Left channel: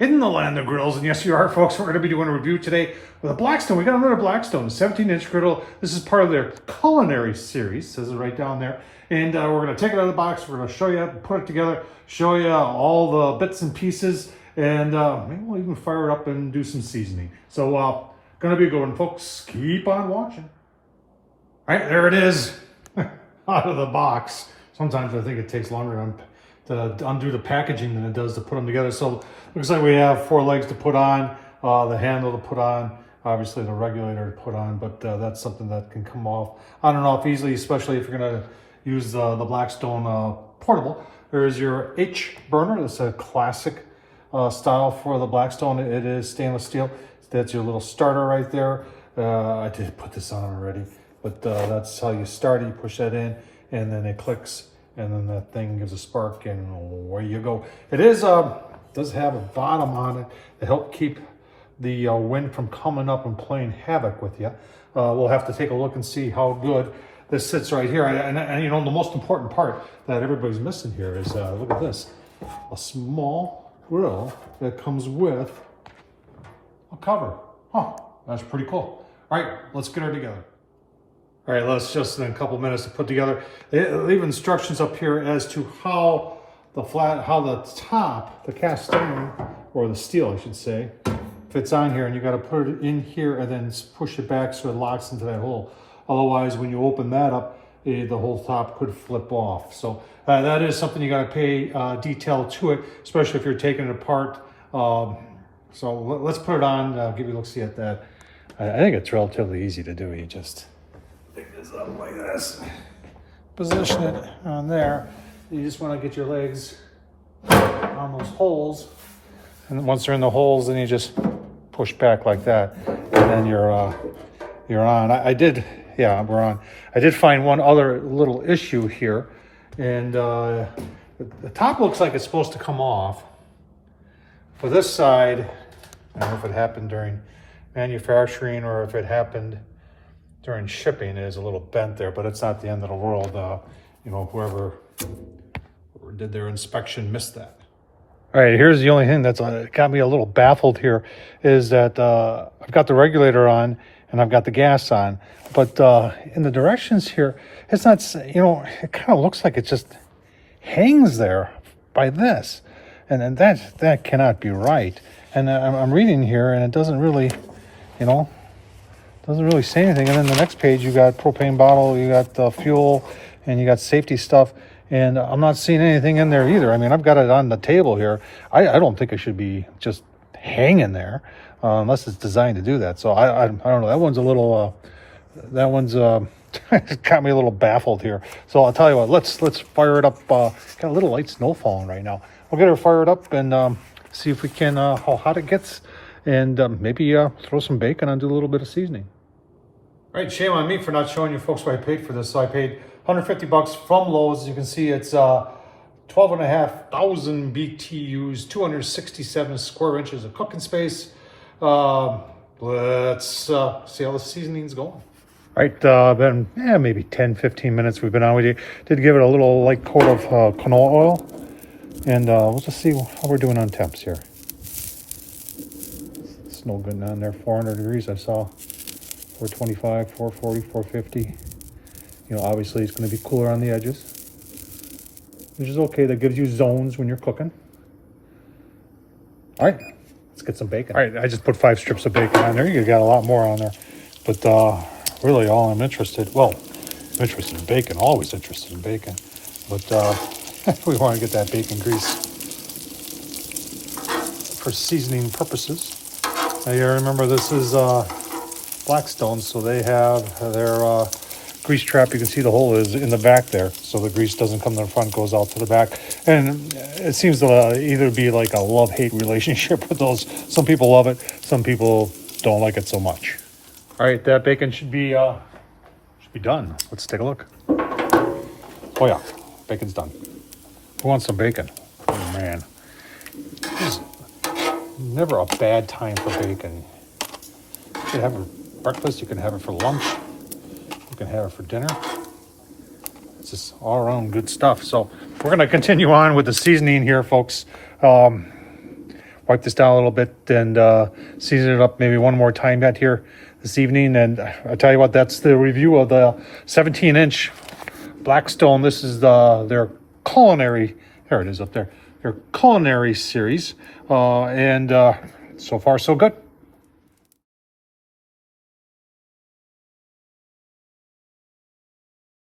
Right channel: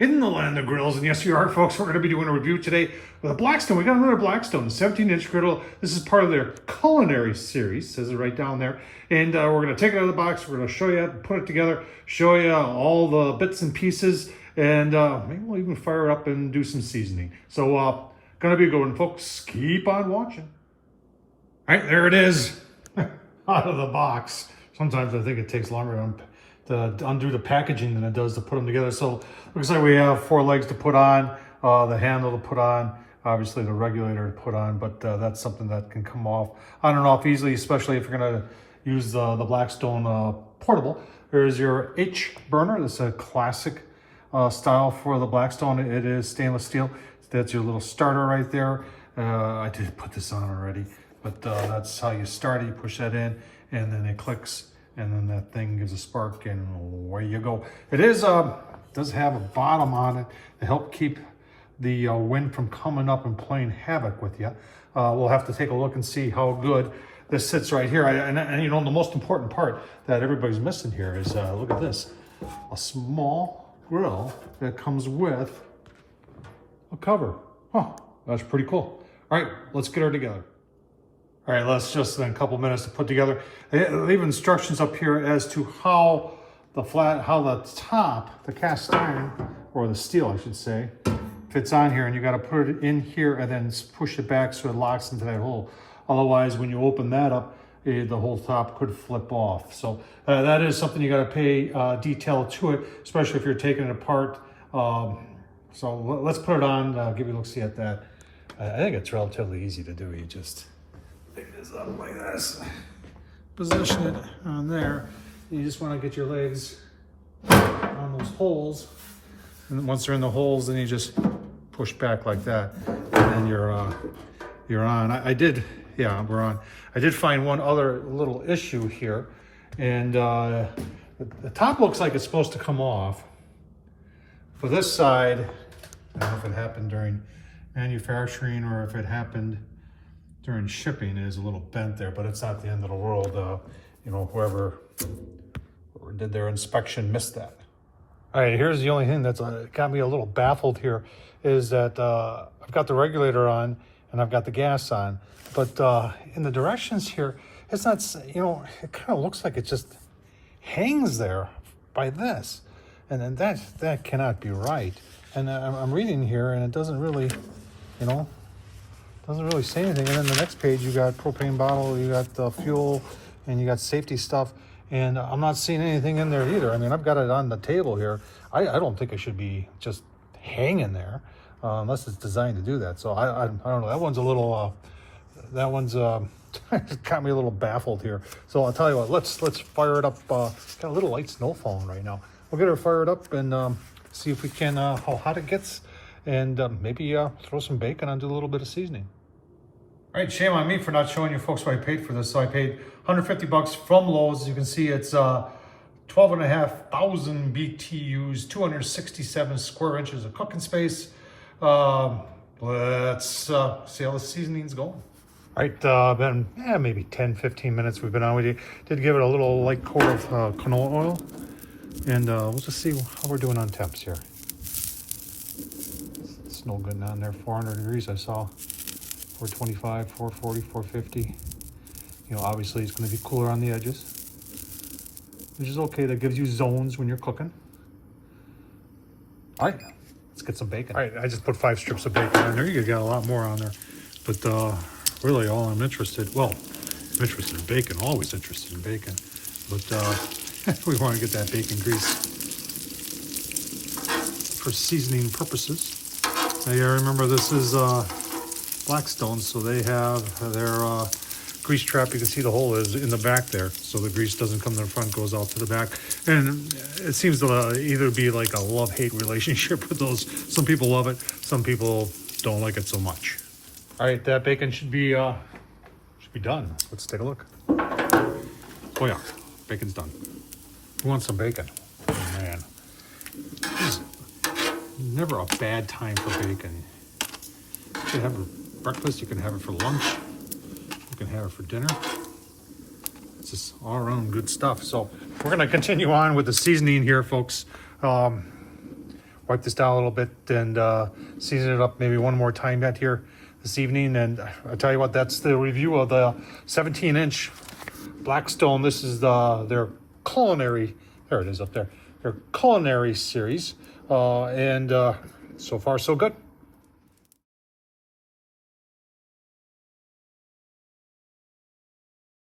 In the land of grills, and yes, you are, folks. We're going to be doing a review today with a Blackstone. We got another Blackstone, 17-inch griddle. This is part of their culinary series, says it right down there. And we're going to take it out of the box. We're going to show you, put it together, show you all the bits and pieces, and maybe we'll even fire it up and do some seasoning. So, going to be a good one, folks. Keep on watching. All right, there it is, out of the box. Sometimes I think it takes longer to undo the packaging than it does to put them together. So looks like we have 4 legs to put on, the handle to put on, obviously the regulator to put on, but that's something that can come off on and off easily, especially if you're gonna use the Blackstone portable. There's your H burner. It's a classic style for the Blackstone. It is stainless steel. That's your little starter right there. I did put this on already, but that's how you start it. You push that in and then it clicks, and then that thing gives a spark, and away you go. It is does have a bottom on it to help keep the wind from coming up and playing havoc with you. We'll have to take a look and see how good this sits right here. And you know, the most important part that everybody's missing here is look at this, a small grill that comes with a cover. Huh, that's pretty cool. All right, let's get her together. All right, let's just in a couple minutes to put together. They leave instructions up here as to how the top, the cast iron, or the steel, I should say, fits on here, and you got to put it in here and then push it back so it locks into that hole. Otherwise, when you open that up, the whole top could flip off. So that is something you got to pay detail to it, especially if you're taking it apart. So let's put it on, give you a look-see at that. I think it's relatively easy to do. You just pick this up like this, position it on there. You just want to get your legs on those holes, and once they're in the holes, then you just push back like that, and then you're on. We're on. I did find one other little issue here, and the top looks like it's supposed to come off. For this side, I don't know if it happened during manufacturing or if it happened during shipping, is a little bent there, but it's not the end of the world. You know, whoever did their inspection missed that. All right, here's the only thing that's got me a little baffled here is that I've got the regulator on and I've got the gas on, but in the directions here, it's not, you know, it kind of looks like it just hangs there by this. And that cannot be right. And I'm reading here, and it doesn't really, you know, doesn't really say anything. And then the next page, you got propane bottle, you got the fuel, and you got safety stuff. And I'm not seeing anything in there either. I mean, I've got it on the table here. I don't think it should be just hanging there, unless it's designed to do that. So I don't know. That one's a little, it got me a little baffled here. So I'll tell you what, let's fire it up. Got a little light snow falling right now. We'll get her fired up and see if we can, how hot it gets, and maybe throw some bacon and do a little bit of seasoning. All right, shame on me for not showing you folks what I paid for this. So I paid $150 from Lowe's. As you can see, it's 12,500 BTUs, 267 square inches of cooking space. Let's see how the seasoning's going. All right, then maybe 10-15 minutes we've been on. We did give it a little light coat of canola oil. And we'll just see how we're doing on temps here. It's no good down there, 400 degrees I saw. 425, 440, 450. You know, obviously it's going to be cooler on the edges, which is okay. That gives you zones when you're cooking. All right, let's get some bacon. All right, I just put 5 strips of bacon on there. You got a lot more on there. But really all I'm interested in bacon, always interested in bacon. But we want to get that bacon grease for seasoning purposes. Now you remember this is Blackstone, so they have their grease trap. You can see the hole is in the back there, so the grease doesn't come to the front, goes out to the back. And it seems to either be like a love-hate relationship with those. Some people love it, some people don't like it so much. All right, that bacon should be done. Let's take a look. Oh yeah, bacon's done. Who wants some bacon? Oh man, this is never a bad time for bacon. You can have it for breakfast, you can have it for lunch, you can have it for dinner. It's just all around good stuff. So we're gonna continue on with the seasoning here, folks. While wipe this down a little bit and season it up maybe one more time yet here this evening. And I tell you what, that's the review of the 17-inch Blackstone. This is their culinary, there it is up there, their culinary series. So far so good.